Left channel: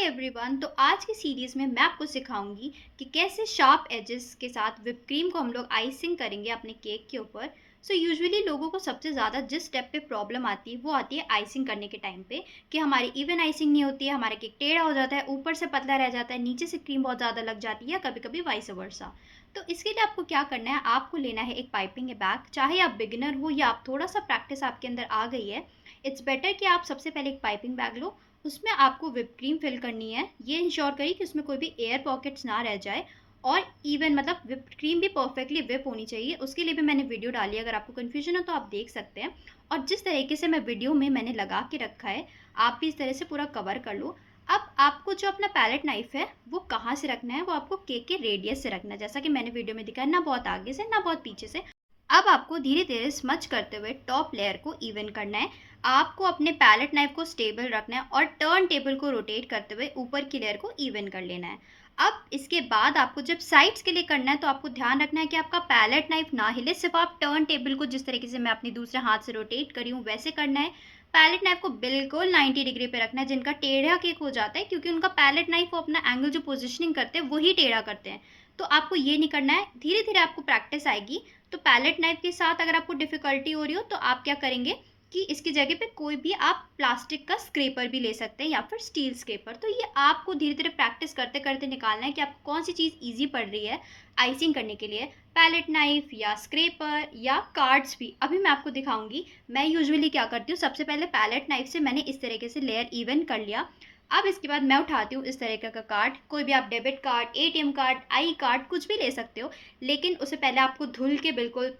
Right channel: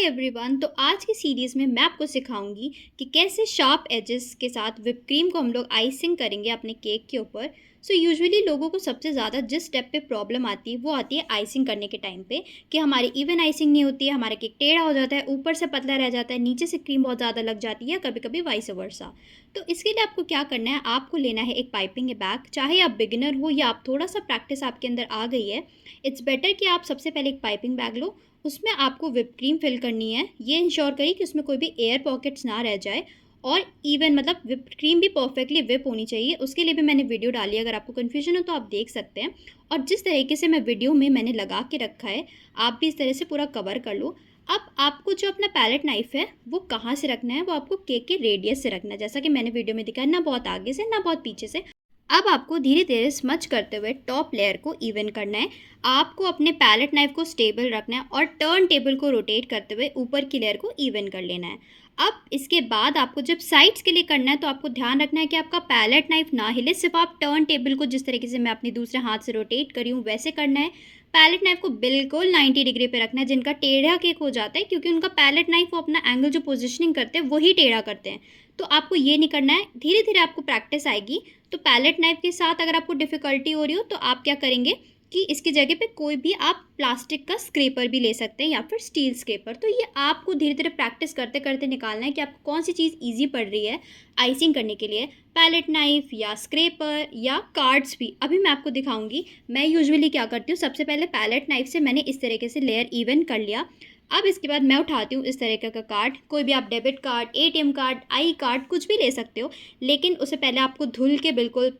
Hi everyone. तो आज की सीरीज़ में मैं आपको सिखाऊंगी कि कैसे शार्प एजेस के साथ व्हिप क्रीम को हम लोग आइसिंग करेंगे अपने केक के ऊपर। सो यूजुअली लोगों को सबसे ज़्यादा जिस स्टेप पे प्रॉब्लम आती है वो आती है आइसिंग करने के टाइम पे कि हमारी इवन आइसिंग नहीं होती है, हमारा केक टेढ़ा हो जाता है, ऊपर से पतला रह जाता है, नीचे से क्रीम बहुत ज़्यादा लग जाती है, कभी कभी वाइस वर्सा। तो इसके लिए आपको क्या करना है, आपको लेना है एक पाइपिंग बैग। चाहे आप बिगिनर हो या आप थोड़ा सा प्रैक्टिस आपके अंदर आ गई है, इट्स बेटर कि आप सबसे पहले एक पाइपिंग बैग लो। उसमें आपको व्हिप क्रीम फिल करनी है। ये इंश्योर करिए कि उसमें कोई भी एयर पॉकेट्स ना रह जाए और इवन मतलब व्हिप क्रीम भी परफेक्टली व्हिप होनी चाहिए। उसके लिए भी मैंने वीडियो डाली है, अगर आपको कन्फ्यूजन हो तो आप देख सकते हैं। और जिस तरीके से मैं वीडियो में मैंने लगा के रखा है, आप भी इस तरह से पूरा कवर कर लो। अब आपको जो अपना पैलेट नाइफ है वो कहाँ से रखना है, वो आपको केक के रेडियस से रखना है, जैसा कि मैंने वीडियो में दिखाया, ना बहुत आगे से ना बहुत पीछे से। अब आपको धीरे धीरे स्मच करते हुए टॉप लेयर को इवन करना है। आपको अपने पैलेट नाइफ को स्टेबल रखना है और टर्न टेबल को रोटेट करते हुए ऊपर की लेयर को इवन कर लेना है। अब इसके बाद आपको जब साइड्स के लिए करना है तो आपको ध्यान रखना है कि आपका पैलेट नाइफ ना हिले, सिर्फ आप टर्न टेबल को जिस तरीके से मैं अपने दूसरे हाथ से रोटेट करी हूँ वैसे करना है। पैलेट नाइफ को बिल्कुल 90 डिग्री पे रखना है। जिनका टेढ़ा केक हो जाता है क्योंकि उनका पैलेट नाइफ वो अपना एंगल जो पोजिशनिंग करते हैं वही टेढ़ा करते हैं, तो आपको ये नहीं करना है। धीरे धीरे आपको प्रैक्टिस आएगी। तो पैलेट नाइफ के साथ अगर आपको डिफ़िकल्टी हो रही हो तो आप क्या करेंगे कि इसकी जगह पे कोई भी आप प्लास्टिक का स्क्रैपर भी ले सकते हैं या फिर स्टील स्क्रैपर। तो ये आपको धीरे धीरे प्रैक्टिस करते करते निकालना है कि आपको कौन सी चीज़ ईजी पड़ रही है आइसिंग करने के लिए, पैलेट नाइफ या स्क्रैपर या कार्ड्स भी। अभी मैं आपको दिखाऊंगी मैं यूजुअली क्या करती हूँ। सबसे पहले पैलेट नाइफ से मैंने इस तरीके से लेयर इवन कर लिया। अब इसके बाद मैं उठाती हूँ इस तरीके का कार्ड, कोई भी आप debit card, ATM card, I card कुछ भी ले सकते हो। लेकिन उससे पहले आपको धुल के बिल्कुल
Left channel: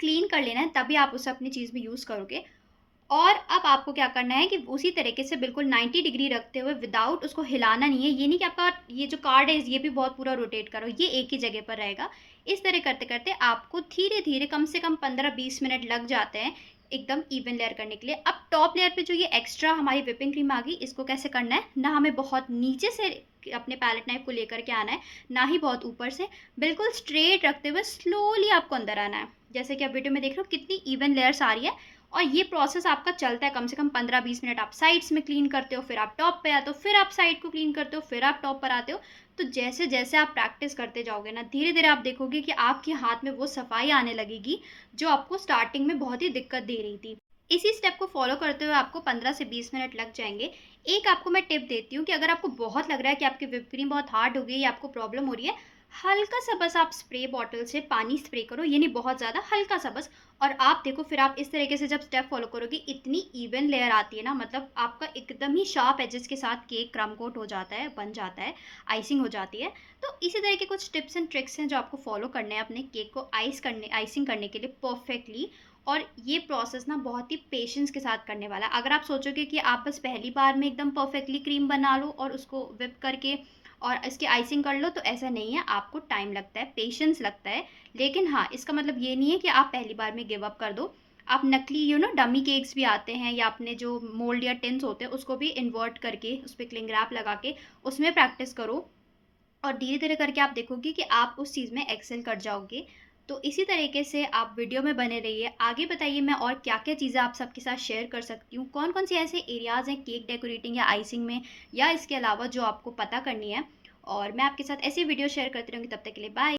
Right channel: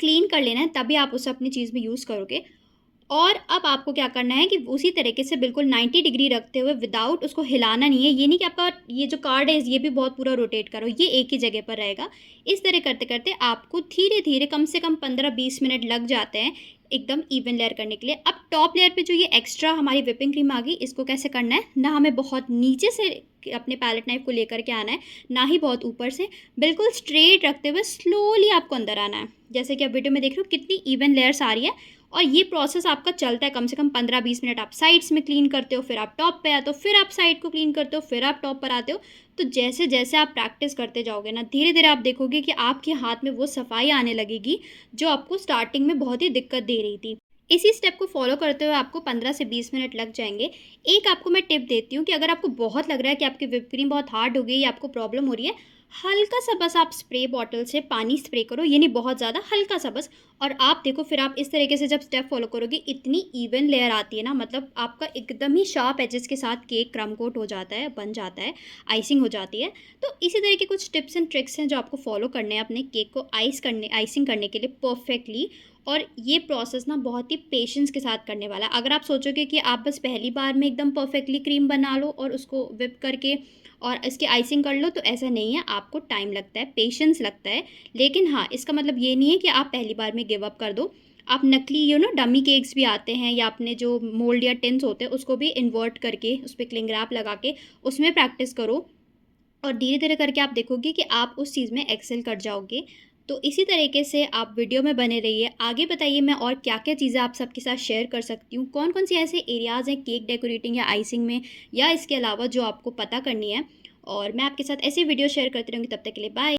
क्लीन कर लेना है, तभी आप उसे अपनी चीज़ में यूज़ करोगे। और अब आपको क्या करना है कि उसी तरीके से बिल्कुल 90 डिग्री रखते हुए विदाउट उसको हिलाना नहीं है। ये नहीं कि आपका ये जो कार्ड है ये भी बहुत पूरा रोटेट करो, ये एक ही जगह पर रहेगा। इस तरह करते करते आपको धीरे धीरे कम से कम 15-20 मिनट लग जाते हैं एकदम इवन लेयर करने के लिए। अब टॉप लेयर पे जो ये एक्स्ट्रा हमारी व्हिपिंग क्रीम आ गई, इसको कैसे करना है, ना हमें बहुत नीचे से अपने पैलेट नाइफ को लेकर के आना है, ना ही बहुत ऊपर से। बिल्कुल स्ट्रेट रखते हुए स्लोली आपको अंदर आना है। जैसे कि आप वीडियो में देख रहे हो कितनी इवन लेयर्स आ रही है। और ये प्रोसेस आपका चलता है कम से कम 15-20 मिनट। आप साइड्स में क्लीन करते हो, फिर आप टॉप पे आते हो, फिर आप साइड को क्लीन करते हो, फिर आप टॉप पर आते हो। तो जैसे जैसे आप प्रैक्टिस करते जाओगे ना, धीरे धीरे आप देखोगे कि आपके हाथ में वो सफाई आने लगेगी जो आपको स्टार्टिंग में बहुत ही दिक्कत दे रही थी। इसी स्टेप को फॉलो करते हुए आपको 15 से 20 मिनट लग जाएंगे। एक आपको मैं टिप देती हूँ कि अगर आपको बहुत लग रहा है कि आपकी व्हिप क्रीम बहुत हार्ड हो गई या आपको प्रॉब्लम हो रही है, हल्का सा बस आप स्प्रे बॉटल से पानी स्प्रे करो, ये नहीं बहुत ज़्यादा, हल्का सा बस। और आप देखो फिर आप इस तरीके से जब स्टेप फॉलो करोगे इतनी इवन लेयर आती है ना, मतलब आपका एकदम ही शार्प एजेस के साथ केक क्रम कोट हो जाता है, बन जाता है, आइसिंग हो जाती है। तो इसी तरह के कुछ टिप्स एंड ट्रिक्स हैं जो आपको फॉलो करने हैं अपने केक को आइसिंग करने के लिए परफेक्टली। और ये प्रोसेस ना बहुत ही पेशेंस के साथ करने वाला है। अगर आप सोचोगे कि आप बस पहली बार में एकदम परफेक्टली क्रीम बना लो और उसको व्हिप करके और इसकी आइसिंग कर लो, तो ऐसा नहीं है। आपको टाइम लगता है, पेशेंस लगता है। लेकिन हाँ, इसका मतलब ये नहीं है कि आप पहली बार में गिव अप कर दो। आप नकली डमी केक्स भी आते हैं, या अपने जो मोल्ड या टिन्स होते हैं उसको भी इन्वर्ट करके उस पे क्लिंग रैप लगा के उसमें प्रैक्टिस करो। और धीरे-धीरे करके आप देखोगे कि आप उस चीज़ में एक्सेल कर जाओगे। तो इसी तरीके से आप वीडियो में बने रहिए। आगे बताइए मैं और क्या-क्या चीज़ें आप सबके साथ शेयर कर सकती हूँ। कौन-कौन सी ऐसे एरियाज़ हैं केक डेकोरेटिंग या आइसिंग में या इसके अलावा जो आपको पता करनी है। और मैं आपके साथ ऐसी वीडियो शेयर करती रहूँगी। तब तक के लिए बाय।